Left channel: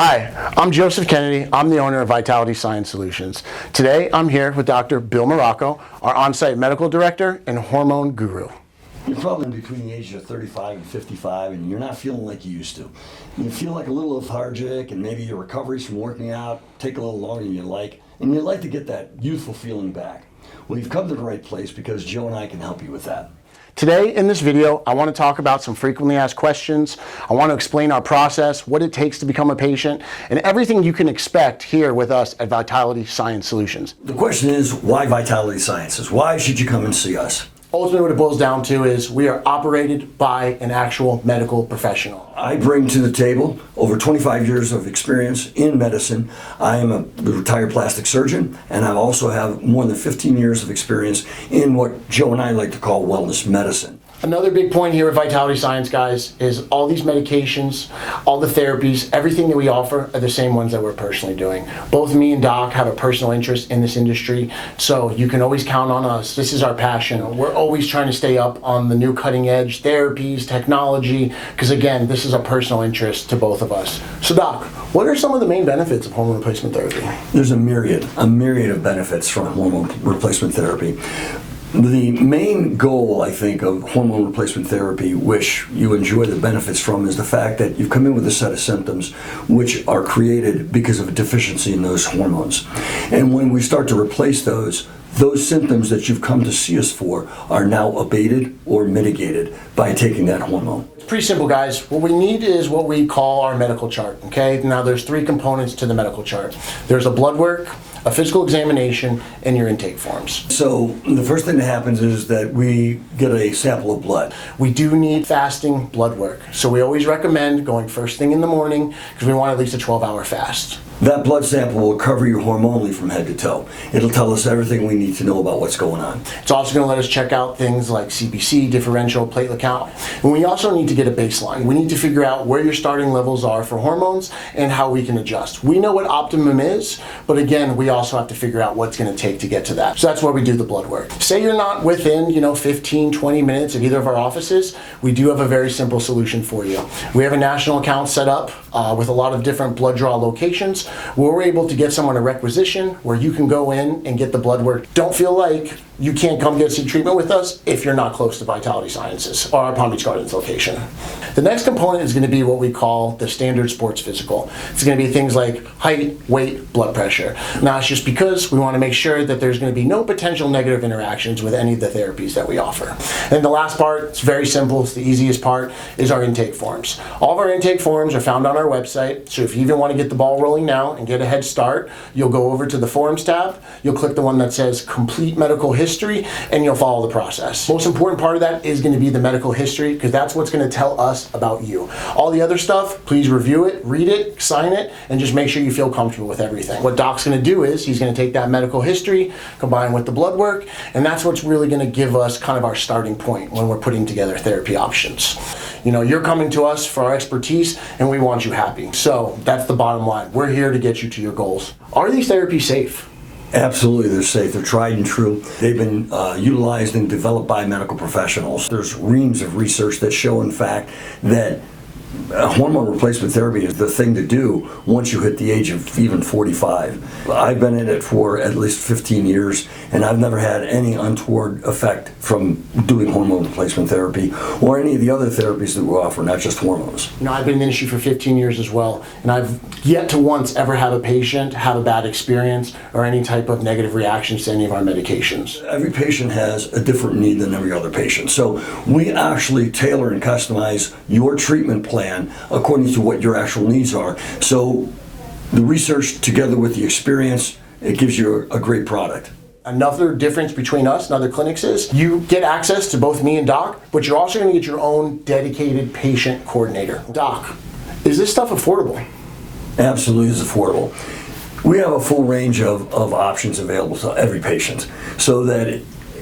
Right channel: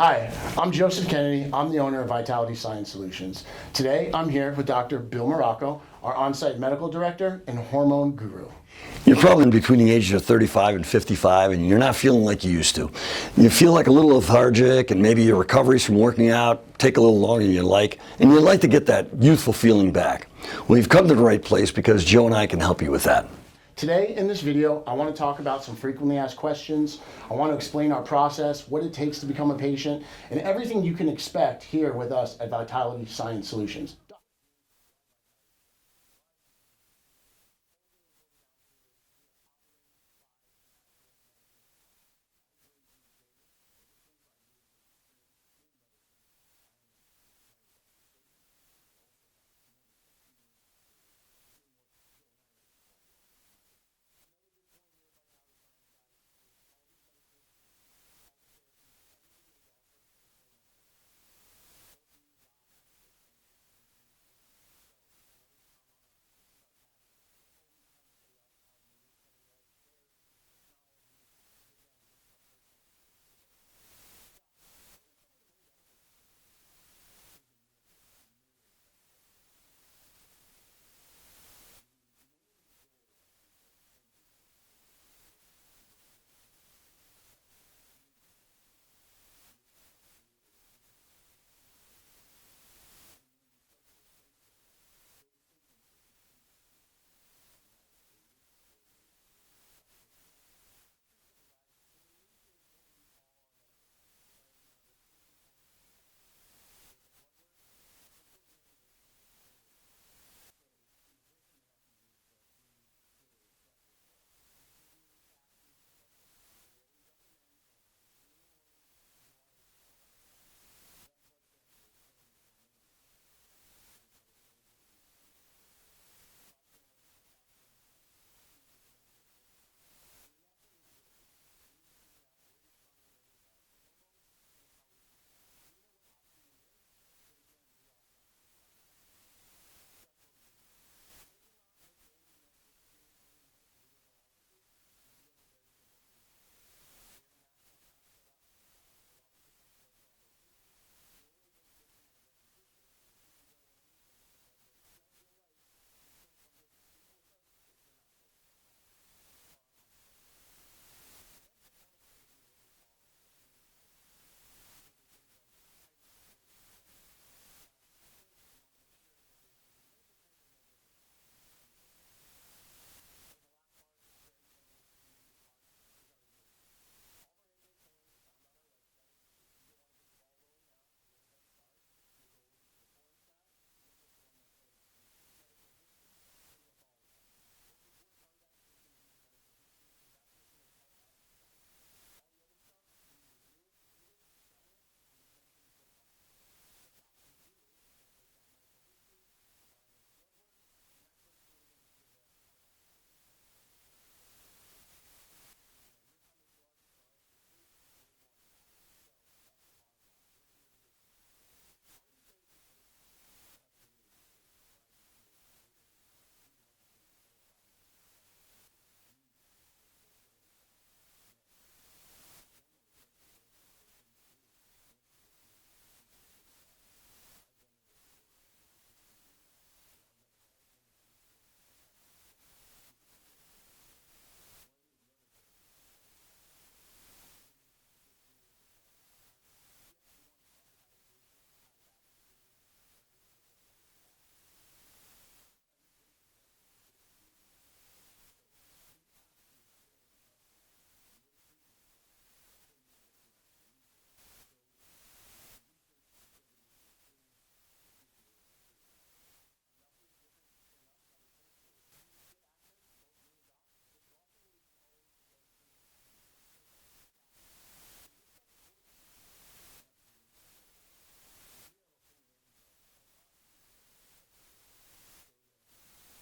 Hi, I'm Joseph Kennedy. I'm the owner of Vitality Science Solutions. Today, I'm here with Dr. Bill Morocco, our on-site medical director and hormone guru. You're probably in between the ages of 35 and 55, and you're not feeling like you used to. You feel like a little lethargic, and maybe your recoveries from working out take a little longer than you like, and you'd like to get that youthful feeling back. Well, you've come to the right place because Joe and I can help you with that. Today, in this video, I want to talk about some frequently asked questions. I want to explain our process, what it takes to become a patient, and everything you can expect here with us at Vitality Science Solutions. The question is, why Vitality Sciences? Why should you come and see us? Ultimately, what it boils down to is we are operated by an actual medical professional. I bring to the table over 25 years of experience in medicine. I am a retired plastic surgeon, and I also have more than 15 years of experience in what Joe and I like to call wellness medicine. Another big point here at Vitality Science, guys, is all these medications, all the therapies, everything that we offer are the same ones that we're personally doing. Both me and Doc have a personal interest in this industry, so you can always count on us. This is our passion. We're always trying to stay up on the new cutting edge therapies, technology, because again, this is a personal interest to both of us. So Doc, what are some of the main benefits of hormone replacement therapy? There's a myriad of benefits from hormone replacement therapy. The main goal, I think, of hormone replacement therapy, which you enjoy the benefits from, is the fact that you've come in with a set of symptoms which are created because of a deficiency in those hormones. And when we start to replace those symptoms that you've come to see us for are now abated or mitigated by taking that hormone. It's pretty simple, guys. What we need is what we call our medical chart, okay? Now, there's three components to the medical chart. There's a blood work, a physical examination, and your intake forms. So the first thing that happens is that we get a sample of blood. We do need fasting blood work. So we always recommend going first thing in the morning because we want at least a 12-hour fast. That blood sample will cover you hormonally from head to toe. It'll tell us everything we need to know about what's going on. It's also going to let us check out things like CBC, differential platelet count. And we also need to get a baseline. We need to figure out where your starting levels are for hormones and how we can adjust. We know what optimum is, but again, we also have to figure out what's going to take to get to that. So that's why we do the blood work. Say you're not within, 15, 20 minutes of either of our offices, we do have a very simple solution for you. We have a national account set up with a lot of different blood draw locations where we're able to get someone a requisition where you can go in and get the blood work. Don't feel like you can't come get some treatment with us if you're not close to Vitality Sciences or our Palm Beach Gardens location. The next component is going to be what we call the standard sports physical. It's going to be things like height, weight, blood pressure. Now, it's just because we want to make sure that there's going to be no potential negative interactions with any of the therapies that we offer. And the last part, it's very simple, it's the easiest part, is our intake forms. All of our intake forms are found on our website, so if you even want to get the ball rolling now and get a head start, you'll go over to the forms tab, you'll click the one that says complete medical history, and you'll follow the process. Most important part of that is going to be the medical history, because that's what's going to tell us about you. All the other stuff, please review it, read it, sign it, and just make sure you feel comfortable with everything. What Doc's going to do is he's going to take that medical history, combine with the blood work, and that's what's really going to give us kind of our starting point when we're putting together therapy options. You're coming to us for our expertise, and we want you happy. So that's the bottom line. We're here to get you to your goals. Are these therapies safe? Absolutely, they're safe. They're tried and true. They've been utilized and developed by medical professionals. There's reams of research that show, in fact, that hormone replacement therapy is the thing to do once you hit the age of even 45. I've been in it for at least 15 years, and I've never had any untoward effect from doing hormone replacement therapy or any of the other therapies that we offer, not just hormones. I've been in the industry for 15 years as well, and I've yet to once ever have a patient have a bad experience or any type of negative reactions to any of our medications. Every patient has a different need than every other patient, so we actually tailor and customize your treatment plan according to what your actual needs are. So the research together with the experience, it gives you a great product. Another difference between us and other clinics is you get access to both me and Doc, but you're also going to get your own dedicated patient coordinator. Doc, is this stuff affordable? Absolutely, it's affordable. We have a full range of options available to every patient, so that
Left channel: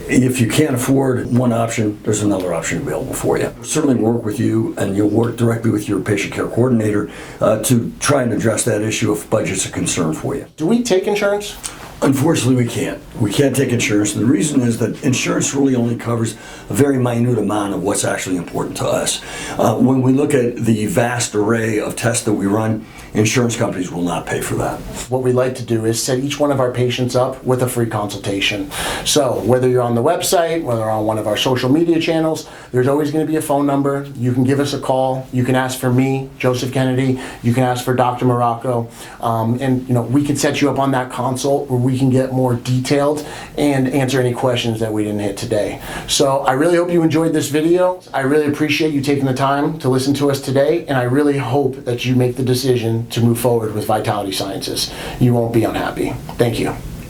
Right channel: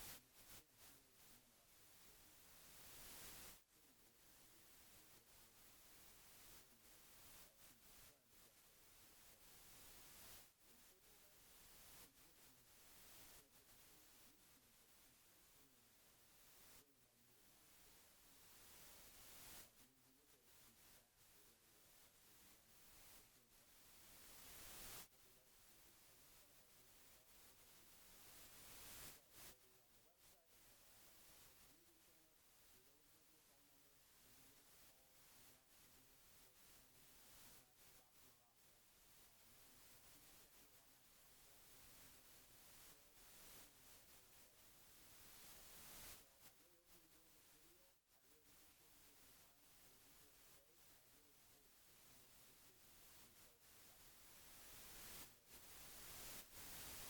if you can't afford one option, there's another option available for you. Certainly work with you, and you'll work directly with your patient care coordinator to try and address that issue if budget's a concern for you. Do we take insurance? Unfortunately, we can't. We can't take insurance. And the reason is that insurance really only covers a very minute amount of what's actually important to us. When we look at the vast array of tests that we run, insurance companies will not pay for that. What we like to do is set each one of our patients up with a free consultation. So whether you're on the website, whether on one of our social media channels, there's always going to be a phone number. You can give us a call. You can ask for me, Joseph Kennedy. You can ask for Dr. Morocco. And we can set you up on that consult where we can get more detailed and answer any questions that we didn't hit today. So I really hope you enjoyed this video. I really appreciate you taking the time to listen to us today, and I really hope that you make the decision to move forward with Vitality Sciences. You won't be unhappy. Thank you.